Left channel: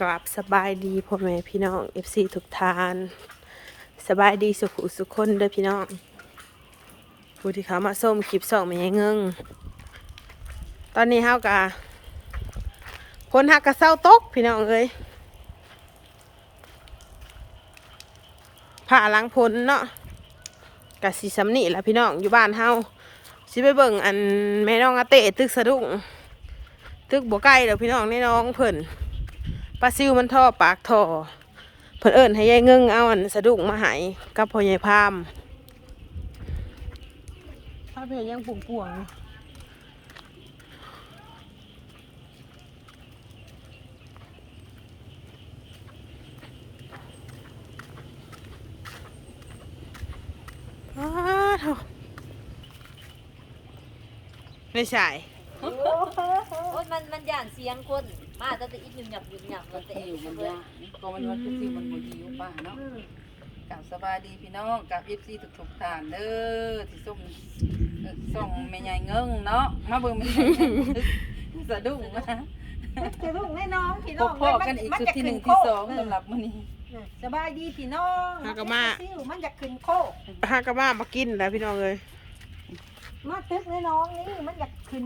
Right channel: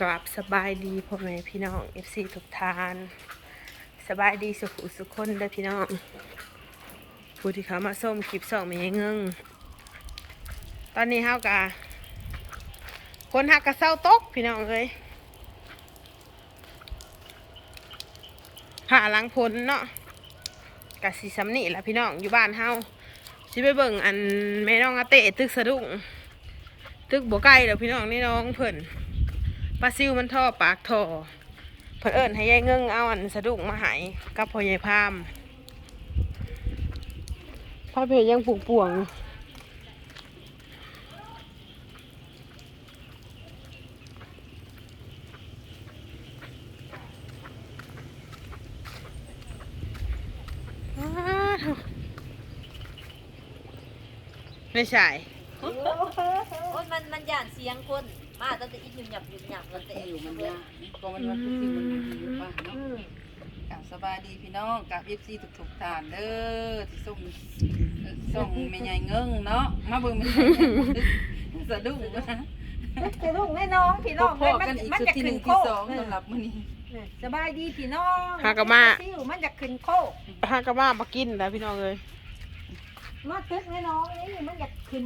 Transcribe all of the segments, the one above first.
กราบสบายดีพ่อแม่พี่น้อง FC ทุกทาน สบายดีสุขุสุขคนเด้อพี่น้องผู้ที่เขามาส้มคลิปสองมายังเงงตอนนี้เฮากะพนหักกะเศร้าตกพี่น้องเอ้ยผ่าหลังพลเนาะกะสีสำนีแล้วพี่น้องอยู่บ้านเฮาสิไปเบิ่งอันแม่น้องอาเตะตึกสะดุ้งตึกบ่ใกล้แล้วพี่น้องในน้องเพิ่น ปลาซิวมันท่อปากท่อเพิ่นเอิ้นให้ยายเงิงเอาอันสะดุ้งมาให้กับพ่อใหญ่พามพ่อเพยังปลูกป่วงว้าวไม่ใช่ โอ้ยมันมันย่านเสียงคน มาตั้งแต่อีหยุ่มหยับหยุ่มหยับตั้งแต่แต่อยู่บนยาตัวมันว่าทุกสิ่งมันดีอยู่บ้านเนาะกับสบายดีพี่น้องกับเอฟซีทุกๆท่านเด้อที่ส่งส่งแม่ใหญ่เงิงเนาะมาเบิ่งม่ใหญ่เสะดุ้งนะคือลูกแม่น้องพี่น้อบงพ่มันกันอีกมันสุดจะขึ้นโคกสองสำหรับมื้อนี้สบายดีพี่น้องหากะมาซิวมันจะขึ้นโคกฮากะมามากินแล้วพี่น้องเลยมาตึกแม่น้องนี่มันจะขึ้น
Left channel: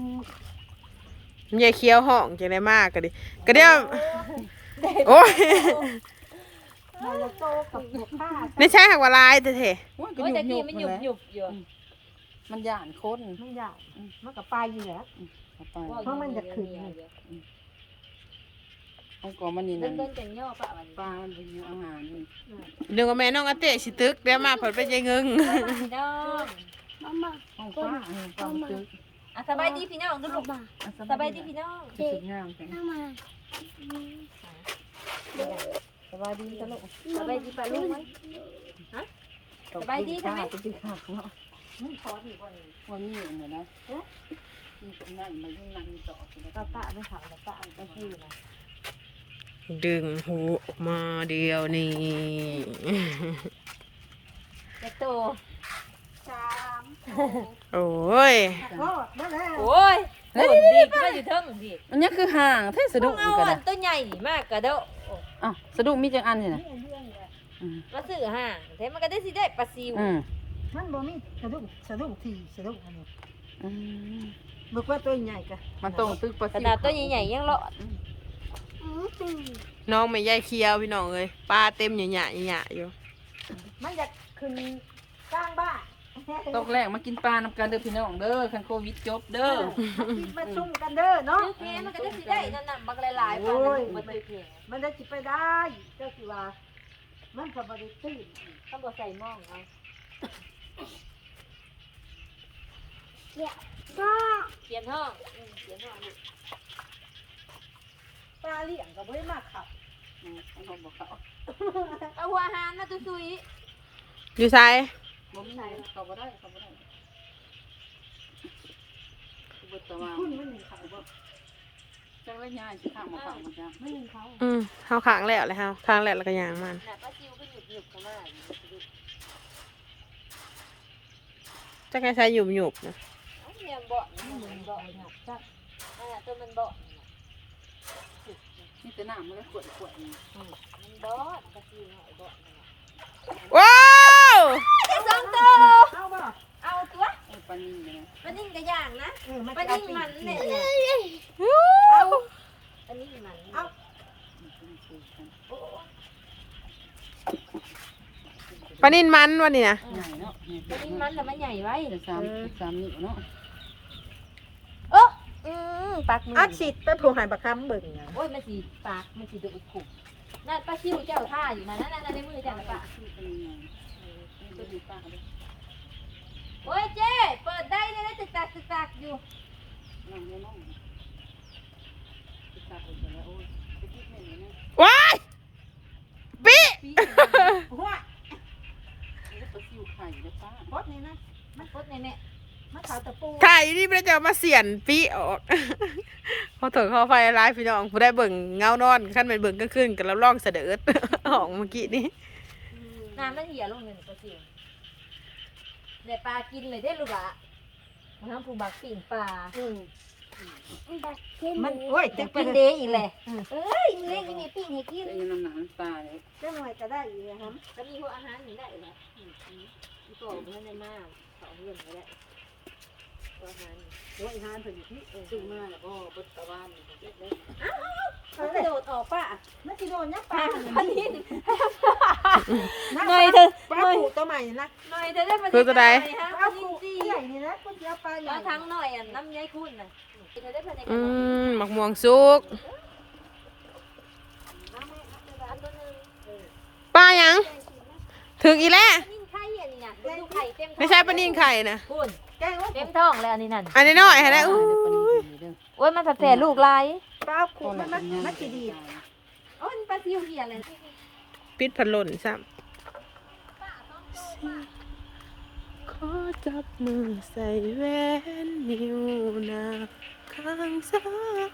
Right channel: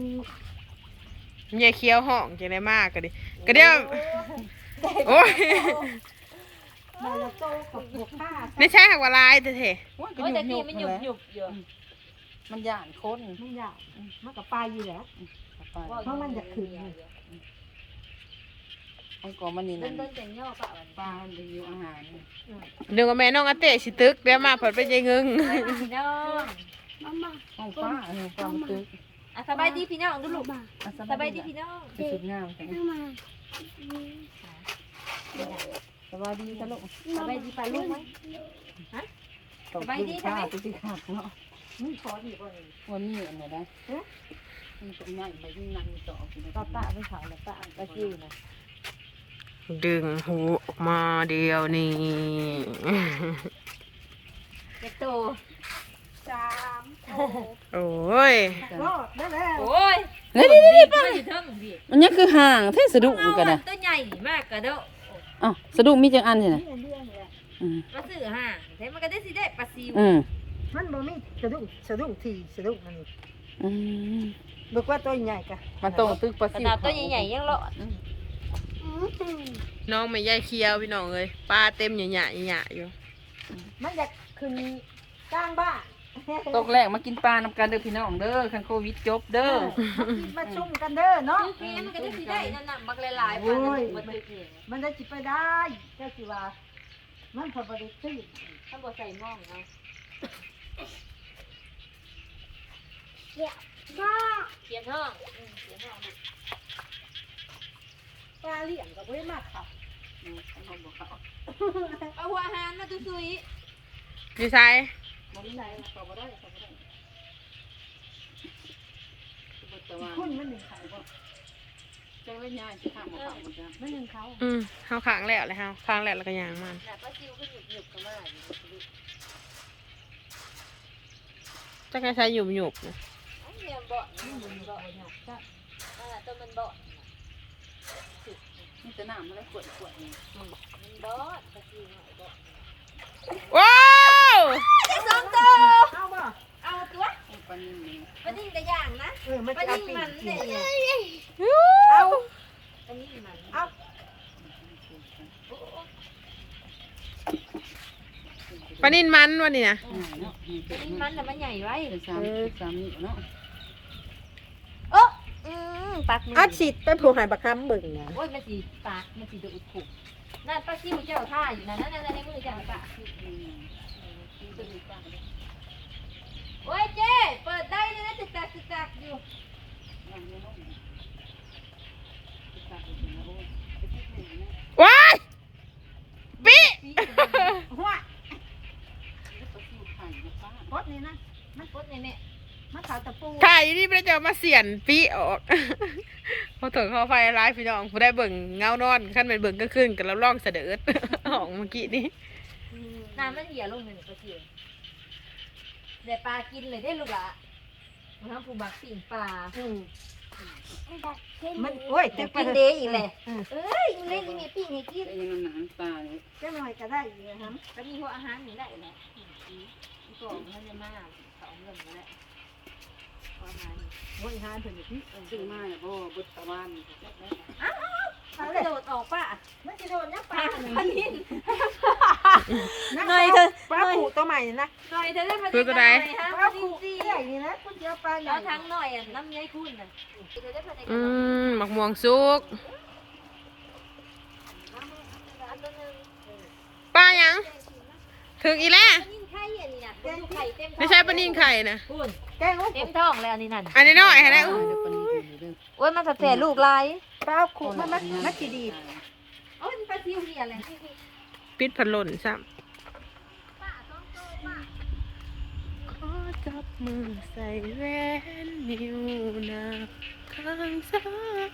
ยายเคี้ยวห้องจะได้มากก็ดิก็เดี๋ยวโอ้ยบาลาโตกับบวกผ้าไม่ใช่หักว่าลายแต่เถอะโอ้ยโอ้ยแต่กี้มันหยุบหยุบอยู่มันย่านคนมันอยากมันกับปลาอยู่แล้วเพราะมันจะขึ้นนี่มันก็มันนี่เดินั่นนเดินแต่งย่อปะวันปลา มันเป็นอยู่อาหารนี่เดี๋ยวกับแม่น้องอาเตะสิตึกเดี๋ยวมาเผดไปยายเงิงพี่น้องต้องฟ้าอันนี้ต้ องตึกอะสบายดีพี่น้องดูลูกอะสบายดีพี่น้องสุดงามแท้สบายดีจ้ะลูกสบายดีปะลูกไหมสบายดีใช่ไหมสบายดีค่ะเนาะวันนี้อันไหนได้มีตรงไหนไปยิ่งนั่งต่อไปป้าป้าไม่เขานะป้าป้าจิ้วนะดึงหูออกมาเดียวนี่เด็กโต สามโคกโอ้ยรอดได้แล้วโอ้ยนี่นี่นี่อยู่เทิงพี่มันยังคือห่างแท้สะดุ้งเอากันอันะนตัวใหญ่มากกระโดดอะสะดุ้งมีจังอันนี่นะนี่เรื่องเลยอืมมาซื้อห่างแต่มันก็ได้สิได้ปลาซิวอืมมันบ่มีสะดุ้งสะดุ้งทีสะดุ้งอันนี้อืมบอกว่าตัวใหญ่กันมันต้องตึกปลาขซิวนาดตัวใหญ่ๆยังรอดน้องไม่ยายเคี้ยวพี่น้องเลยปลาเต็มหยาหยาหยาอยู่มันจะขึ้นกลางบ้าน ตกแรกมากินปลาน้ำกันเด้อพี่น้องเด้อคันโควิดจบเด้อกินมาชุ่มกันเด้อเนาะแม่มันก็ได้สิได้นั่นน่ะบักหลายๆปลาลูกมันตึกเนี่ยมันจะจิไปได้ก็คือว่ามันก็บริสุทธิ์ถ้าบ่ใส่หม้องเอาเขียนห้องอืมเขียนห้องลูกปลาเลี้ยงก็บ่ได้มาเขาอืมข้างบนบอกเขาเอาหัวอาหารมาตุ้ซุยอยู่ไซ บ่มีเขาบ่ได้เขาบ่ได้เขาบ่ตะวันคุณมันหนึ่งเขาบ่จังเลยง่ายสิข้างบ่เขาบ่จ้ะมันหนึ่งเขาอืมเขาค้างแล้วเลยเขาค้างแล้วแล้วก็ยางมันน่ะปลาซิวก็หยุบหยุบเข้ามาอยู่จะไงใช้หยุบหยุบนะเอาเนี่ยเบาะนี่มันเบาะนั่นน่ะตัวมันเบาะมีแต่น้ำเลยขวดขวดนี่มันเบาะปลาซิวเนาะเบาะว้าวได้สองตัว เอาบ่ เอาตัว โอ้ย ปลานิ่มเลยนะปลานิ่งกระย่างนะเออมันปลาจะนิ่งปีมันกิเนี่ยนเอาปลานิ่งมันเอาโอ้โอ้ปลานินมันวันนี้นะง่ายเนาะนี่ปลานิ่งมันแต่มันใหญ่ไว้เป็นสามสามนี่เนาะโอ้อืมปากมืออาชิดเป็นผู้หายบักคำเบิ่งนะโอ้ยมันสีปากมันสีดูดขุ่มนั่นปลาซิวเจ้าท่าอยู่นะนั่นนั่นในมือเจ้าปะตัวนี้ปลาเด้อ โอ้ยเจ๊เปิดได้เลยนะตึกตักตึกตักอยู่น้องไม่น้องติดตามดูนะโอ้ยไปคิดแน่เลยนะว้ายปิหัวแล้วปลาซิวไข่ได้ป้าพดนี่นะมันปดแน่มันเขาตะปูไข่นี่ไม่ได้จะเอามาเสียนปีออก พอถอยเข้าไฟร้ายพี่น้องผู้ได้เบิ่งเงานอนขั้นไปเบิ่งก็ขึ้นกับเราล่องเสด็จออกเมื่อกี้นี้ๆน้ำมันเหี่ยลงเลยนี่ปลาซิว ได้ปลากินเลยได้ลูกละมันทำผูบักปีนปลามันโอ้ยตึกไปกินเลเดยย์อีกเลยเออเอ้ยมึงเล่นยังไงปีให้กินแต่ยังน้ำหนักปลาเลยเจ้าหน่อยก็ได้อีกนะครับก็มีหัวอาหารนี่ได้แหละอืมอืมอีปอกมันในมาเขาเอาเงินก็ได้หัวอาหารนี่โอ้ยหานเพิ่นอยู่ที่ ซื้อมาพ่อบุตรวาน มันกระโดดออกป่ะมันสิโดนนักปลาเนี่ยมันนี่นักหน่อยเธอปลาผูตัวใหม่นะหน่อยเธอได้มันคือตัวใดฮะปปลาลาผูจีใหญ่นี่นะคนเดียวปลาใหญ่แล้วทั้งหน่อยอะน้ำย้ายคุณน่ะเธอได้มันในอืมหมักม่วงสุกป้ายังถึงอีแล้วปลานิ่งไข่อันนี้น่ะดูไข่เต็มท้องไม่ใช่ปลานิ่งไข่นะคุณแกงว่าเต็มท้องแล้วอันนี้นั่นอันนี้น้อยให้ได้อู้โอ้ยมันจะแผ่ลูกลาย ปลาผูมามัดมัดจีดีดโอ้ยปลาซิวเหียอะไรปิดพัดลมซ้ำขอจับมือใส่แหวนนิ้วนาข้างซ้าย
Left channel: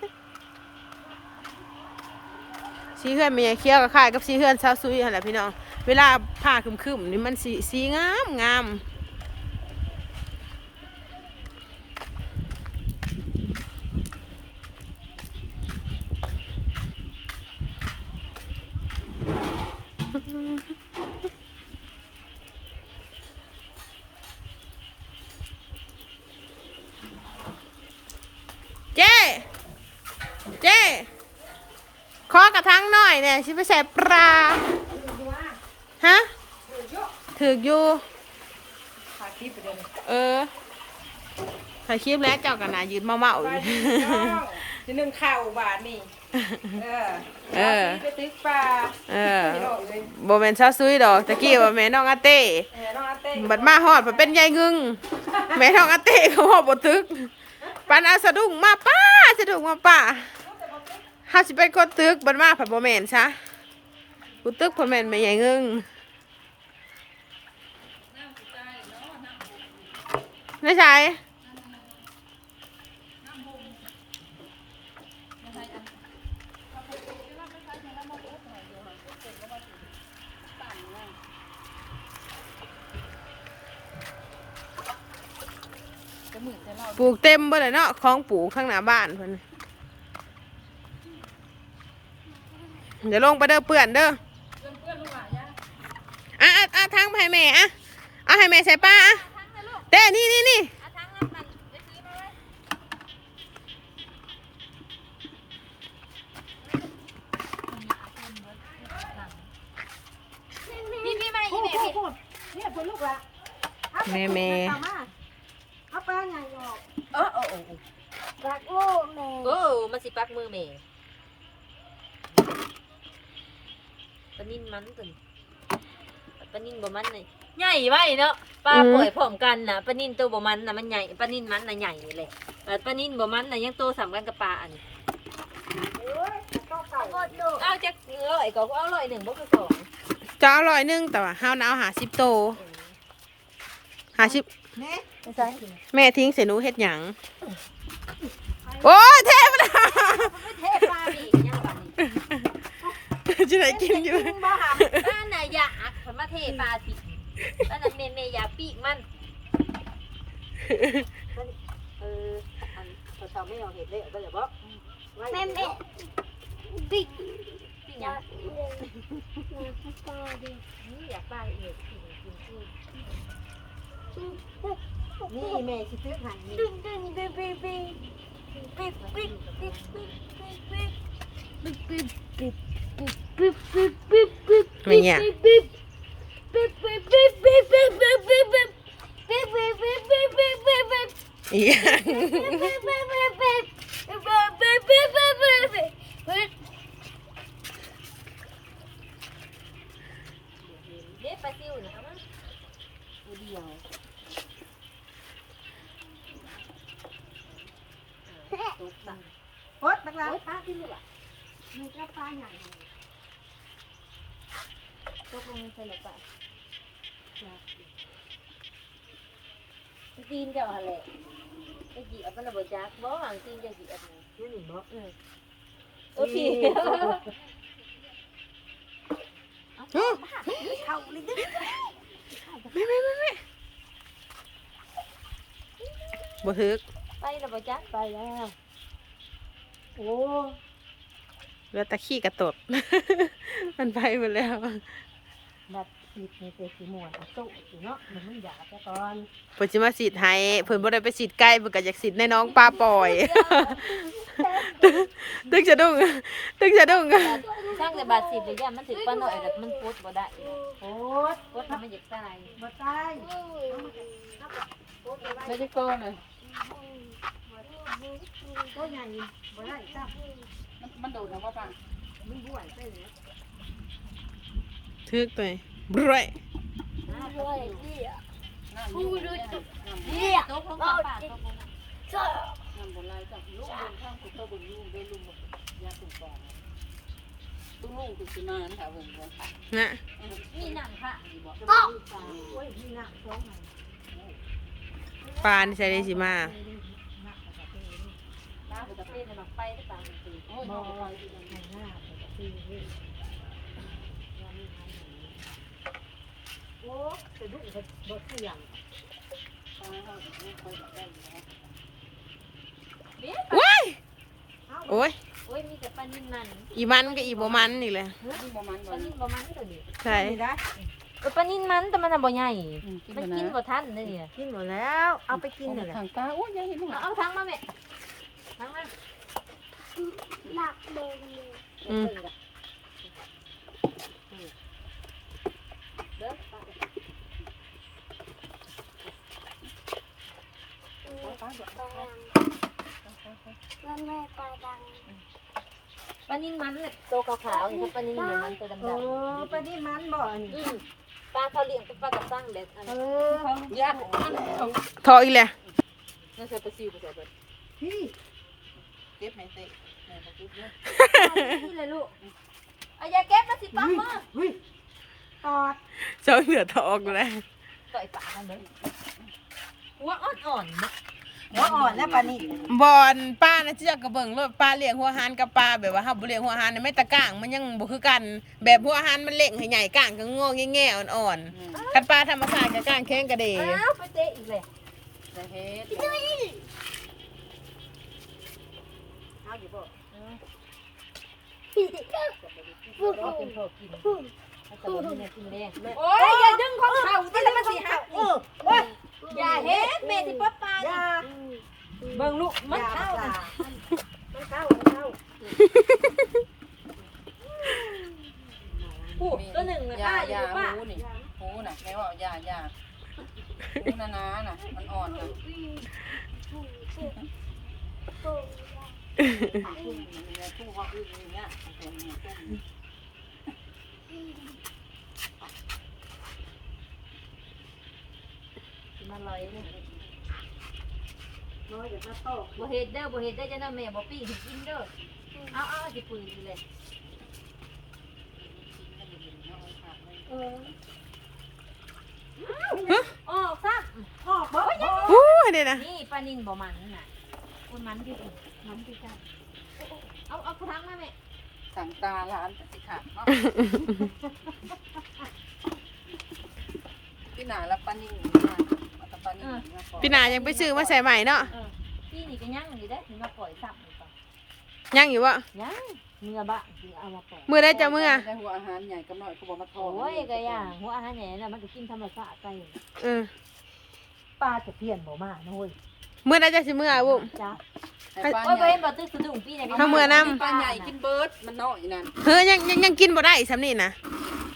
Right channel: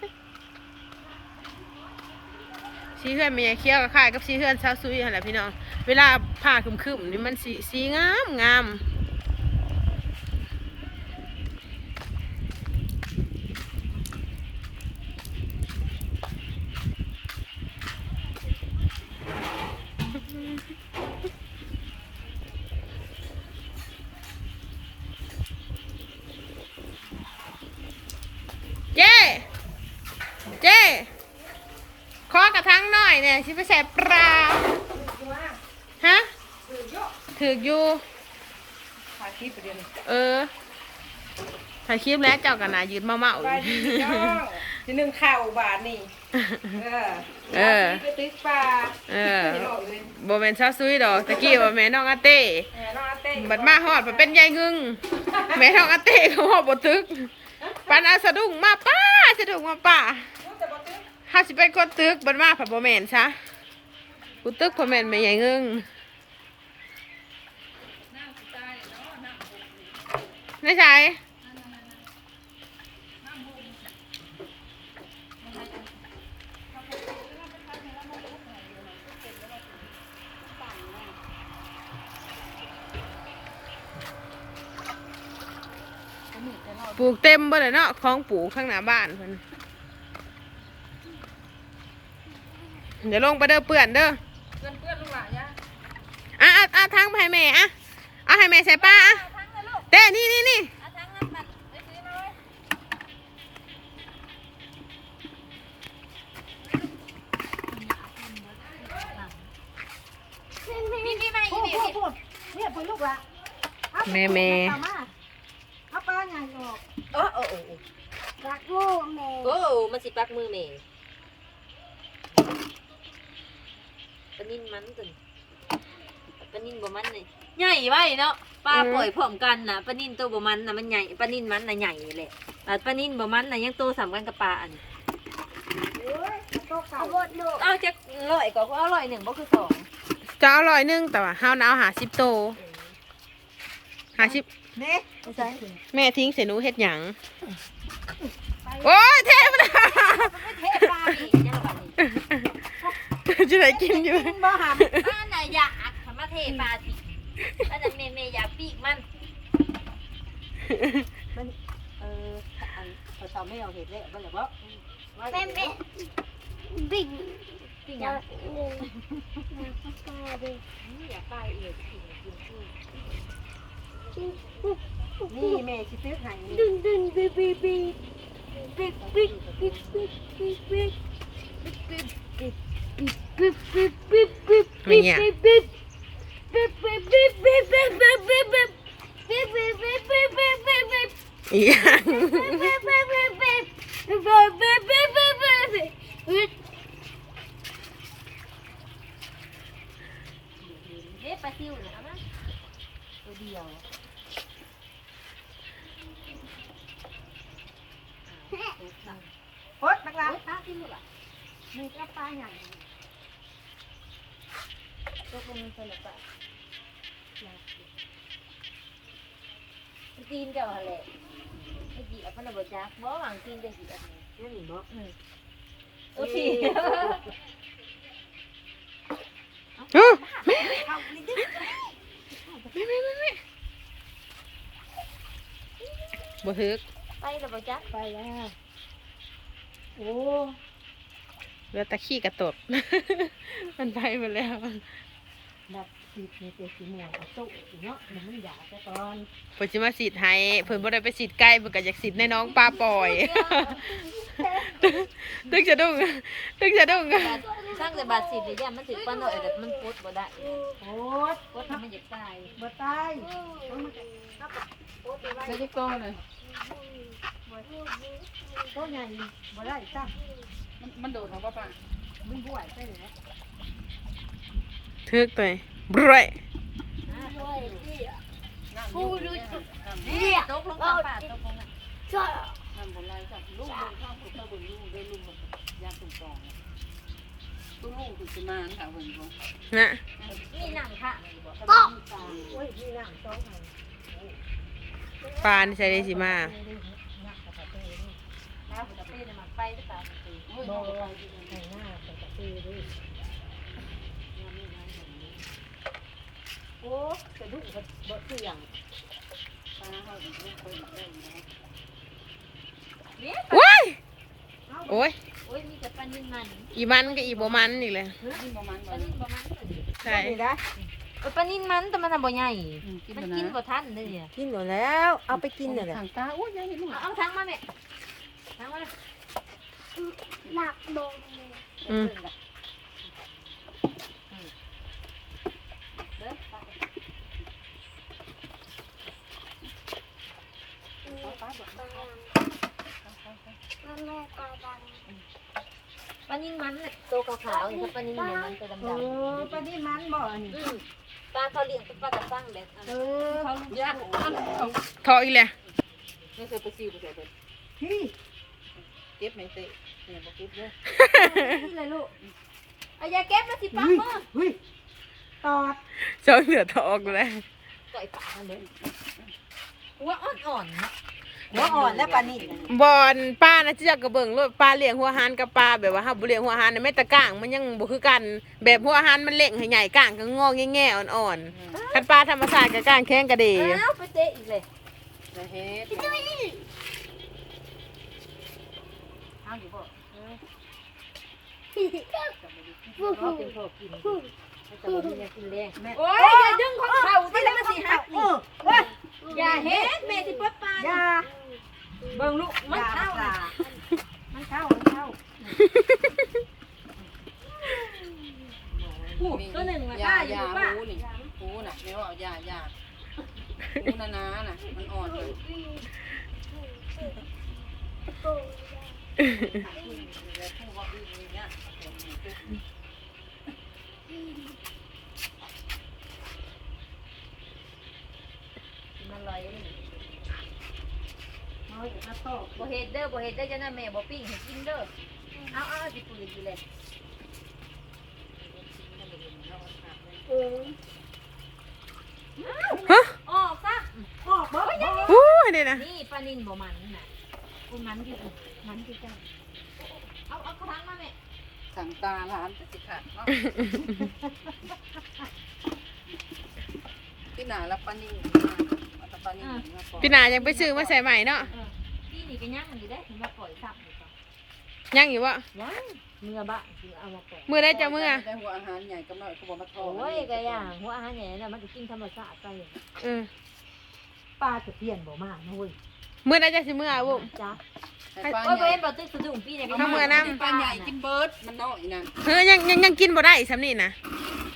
สีเฮือนเมียเคี้ยวกับข่ายกับสีเฮือนซาวซุยหั่นแหละพี่น้อง เวลาผ้าคึมๆนี่มันสีสีงามงาม เจ๊เจ๊ขอกระทั่ง หน่อยเนี่ยชิไปใส่ปลาฮะถือกอยู่ถ่ายคลิปไปเดี๋ยวนี้เออถ่ายคลิปแล้วเจ้ากันนายืนเมาเมาๆอไปยู่ดีพี่น้องที่หนึ่งข้าวบาทนี่ เออ เออไปตึกปลาเออพี่น้องเลยโบเมนซาซุยดอกตะกี้ว่าแม่น้องอาเต้แม่น้องอาเต้บัดมาฮอดมันเป็นยายงึงแม่น้องอาเต้เขาฮอดบตึกปันเอาสะดุ้งมาป้าสะดุ้งมาป้า ถ้าสิเป็นคนตึกบัดมาผัดโบแมนซะกูตึกผัดแมนไม่ยายงึงไม่ใช่ปลูกเต็มบ่เลยเนาะของปลูกข้างหน้าบ้านเพิ่น เดี๋ยวลงไปเด้อเปื่อนเด้อเพื่อนเพื่อนลูกหลานย่าอะอะอะทางไปให้แม่อะเอาให้แม่ใส่ป้าอะเอาทั้งเลยลูกเต้นี่นี่นี่เอาทั้งน้ำมันไปซื้อมาเลยพี่พี่มาอีพูกดแม่พูดพูดเนี่ยเพิ่นลูกละแม่แม่เอาปลาใหญ่ออกเออโอ้โอ้รักลูกแม่ โอ้มันสิปักมือแม่ปานิ่นมันตึนปลานิ่นบ่มันเลยใหญ่ไว้เนาะปลาป่วยพร้อมกันน่ะปลานิ่นตัวบ่มันน่ะมันใหญ่ปลานิ่นมันน่ะใหญ่เลยแต่ปลานิ่นบ่มันน่ะยังโตสำกันกับปลาอันนี้โอ้ยโตข้าวเอาจักร้อยก็เอาร้อยหนึ่งบ่คือสองจะเอาร้อยหนึงแต่ว่าห้าวหนาวหาสิบโตหาสิบเนี่ยใช่แม่ทิ้งเสยหนูเฮ็ดหยังโอ้ยเทพนะ จะได้กินอยู่กินบ่หักบ้านน่ะอยากผลมาเทปลาสิบ้านน่ะเมย์เมย์อยากปีกมันเอออันก็ทำให้เอาเห็ดเลยเอาไปเลยบ่แม่แม่บิ๊กปีกหยังปลาดินี่อยากปลาเอียดกินกินกุ้งนี่แม่สิซื้อไข่นี่ดึงดึงบิ๊กบิ๊กบิ๊กบิ๊กบิ๊กบิ๊กบิ๊กบิ๊กบิ๊กบิ๊ กบิ๊กบิ๊กบิ๊กบิ๊กบิ๊กบิ๊กไม่เนี่ยบิ๊กบิ๊กบิ๊กบิ๊กบิ๊กบิ๊กบิ๊กบิ๊กบิ๊กบิ๊กบิ๊กบิ๊กบิ๊กบิ๊กบิ๊กบิ๊กบิ๊กอีหยังบิ๊กบิ๊กบิ๊กบิ๊กบิ๊กบิ๊กบิ๊กบิ๊กบิ๊กบิ๊กเด็ปลาซิวน่ะเอามาตัวเดียวโอ๊ยบักลาโอ้ยปลาที่ลูกอะนี่ก็ปลาใหญ่ย กลงมือเฉลยจ้ะตีนเจ้าหั่นแหละไอ้กี่อับมันน่ะบ่จักบ่หางตีนจังสิอับมันเดี๋ยวนี่บ่โอเคอื้อเข้าเลยดิแม่แม่แม่แม่บ่ถึกไปแล้วบ่จักไปแล้วโอ้เหลือแตะขี้กระตด มันไปหมดแล้ว แบบสีนี่เตสีม่วนสู้สิเนาะมันมึงอยากซะก่อนเพิ่นสิมาฉีดให้เพิ่นบ่ได้ไปฉีดใกล้เพิ่นก็อยากฉีดในน้องปลาปล่อย ตึกจะดุ้งตึกจะดุ้งช่างแต่บาดสิบเนี่ยย่ามันถึงป้าหน่อยแต่มันพุดบ่ได้โอ๊ยพุดทำมันอยากตายบ่ตายไม่ได้โก้เลยโตใหญ่บ่ได้จ้ะมันมันโดดลงป่ะป่ะมึงบ่อยใช่ไหม ทึกตัวบร้อยอ่าตกอยู่น้ำอยู่เนี่ยน้ำนี่ตกลงกับป่าตกลงน้ำบนไรจ้ะลูกลงข้ามคุณตาบุญลูกด้วยลูกมันยาสุ่มฟองตุ้งลูกคือสินานค่ะเพิ่นบ่นะนี่หนังค่ะนี่บ่ก็เฮ้ยมีน้ำสองไงปลานี่ใส่ได้สิมานักกระตะเต้นี่ปลาจะเป็นมันไปจะปลามันตี โอ้ยน้องไปที่นั่นไอ้หน้ากระตะเต้นี่โอ้กระดูกบ่เสี่ยงปลาเฮาลูกไปได้แล้วเบี้ยว้ายโอ้ยโอ้ยมีแต่ปลานิ่มมันอีมันก็อีบ่มันนี่แหละนี่บ่มันปลานิ่มบ่มันตัวนี้ใช่นี่นะเออปลานิ่มมันแต่มันน่ะบ่ใหญ่กินมันบ่กินนะบ่ทันเลยเนี่ยกินหมดแล้ว เอาไปกินเลยแหละทางตาโอ้ยยังเห็นเอาเอาทั้งมาแม่ทั้งมาหนักโดนเลยอืม เด้อ แล้วแม่ก็ดัง ปลานิ่มมันน่ะตัวขาวๆนี่ถ้าปลานิ่มเดี๋ยวมันตัวดำเออปลานี่มันบ่อันนี้ๆอืมปลาเขาเลี้ยงเป็นปลากระตั้งเด็ดอันเอนั้นอเขาลูกญาติอันของทออีกแล้วนี่ใส่ปลาซิวไปใส่เบิดพี่เก็บไหมเตะแม่บ่เก็บเด้อนี่เลยลูกเอาอย่าเก็บมาสิปังมือเฮ้ยต่อเจ้าเหลือทอออกแล้วต่อยปากมันเลยหัวอ่อนๆนะ หัวอ่อนแล้วปลานี่บอนป้านะเจ้ากระเบิงรถปลาเลี้ยงหัวหานกับปลาแบบว่าเฮาบ่เลี้ยงหัวหานน่ะแม่ตะก้างมันยังบ่คือกัน แบบหัวหานมันเล่งให้ใหญ่ก้างก็งอแง่ๆอ่อนๆคันปลาธรรมชาติก็ก้างแข็งกระเดยอ้าวไปเตะอีกเลยอย่าเฮ็ดเอาอยู่บ่ฟูฟูเอาเป็นพอกินฟูเอาแต่บ่มีแนวกินแรงโอ้ยอย่าดึงของเขาไม่แล้วมันสิหักเอนี่อเว้ย อย่าเฮ็ดแม่ที่ปลดปลาอนี่ย่าเบิ่งลูกอมันย่าเข้าปลานะมันเข้ามันเข้าผู้ตัวหนึ่งนะยาป้าอยู่ยาป้าหูนี่หูน่ะแม่ว่ายายาหูนานาน่ะมันอ่อนเลยฟูผู้ว่าอื้อเนี่ย มันลอยนี่ น้อยเด็กนักโต บ่เฮ็ดเด้อบ่เฮ็ดได้อจะนั่นแม่บ่ปิ้งให้กินเด้อเอาเอาสิปืนอยู่เลยเออฮะอ๋อครับออกบ่บ่โอ้ยนี่นะนี่ปลานินบ่มันนั่นน่ะโอ้ยมันคือมันคือกันเอาเอากระถางมาแม่สั่งตาร้านก็สิค่ะเนาะที่หนาแล้วปานิ่งมาเอาแต่ปานิ่งมาก่อนพี่นายังไปซื้อมาใส่ใหม่เนาะเออ พี่นี่ก็ย่างอยู่ได้ถึงมาปล่อยสับนี่ก่อนยังอยู่บ่ย่างเนื้อบ้าคือเอามาปล่อยมื้อได้จะมื้อได้หัวอาหารใหญ่กับน้อยกูบอกมาโทรโอ้ยก็ย่างหัวอาหารใหญ่น่ะมันก็กินธรรมชาติไปเออปลาจะเปลี่ยนบ่มานะเว้ยมื้อได้จะสิมื้อบุ้มจ้าแต่ปลาโอ้ยใหบ่ญ่เห็นบ่ตื้อสะดุ้งพี่เนี่ยเอามือนํปลาใหญ่กินเบิร์ดมันน้อยนั่นเฮ้ยยังยังยังกินบ่ได้สำนี่นะ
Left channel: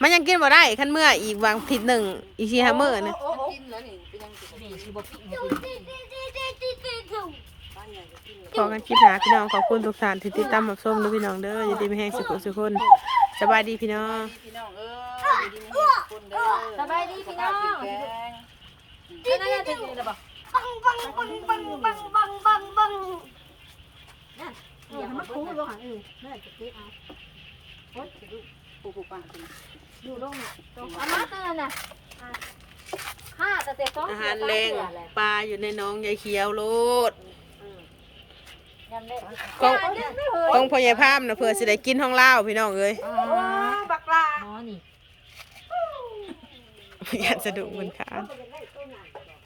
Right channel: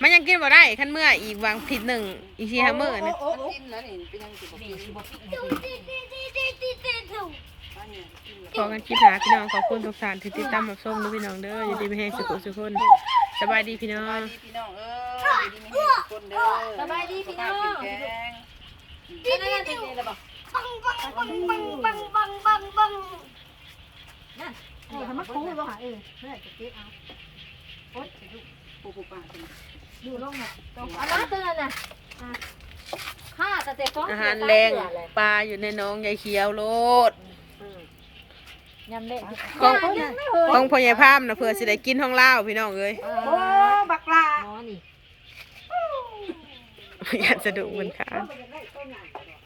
มันยังกินบ่ได้คันเมื่ออีกวางผิดหนึ่งอีกสี่ห้ามื้อนะโอ้มันโอ้กินแล้วนี่เป็นยังสิบแม่กินสิบ่ปิ้งให้ฟูกินฟูฟูฟูฟูฟูปลาใหญ่ก็กินแล้วขอกันคลิปหน้าพี่น้องขอบคุณทุกท่านที่ติดตามรับชมด้วยพี่น้องเด้ออย่าลืมไปให้สุขสุขคนสบายดีพี่น้อสบายงดีพี่น้องเอ้ยอยู่ดีมีแห้งทุกคนเด้อสบายดีพี่น้องสุขภาพแข็งแรงนั่นนั่นเป็นยังไงบ่บังบังบังบังบังบังบังนั่นเออมันคุ้มลงหาเองเมื่อไหร่จะเก็บเอา โอ๊ยสิลูกปูปูปลาเป็นดูลงหน่อยเอามาตัวนั้นน่ะห้าสเต็ปอาหารแรงปลาอยู่ในหน้องยายเขียวโลดยำแรงของของพ่อใหญ่พามนะเพื่อสิได้กินห้องเล่าวพี่น้องเอ้ยโอ้บักลาหมอนี่อยากจะดูเหมือนกันไม่ได้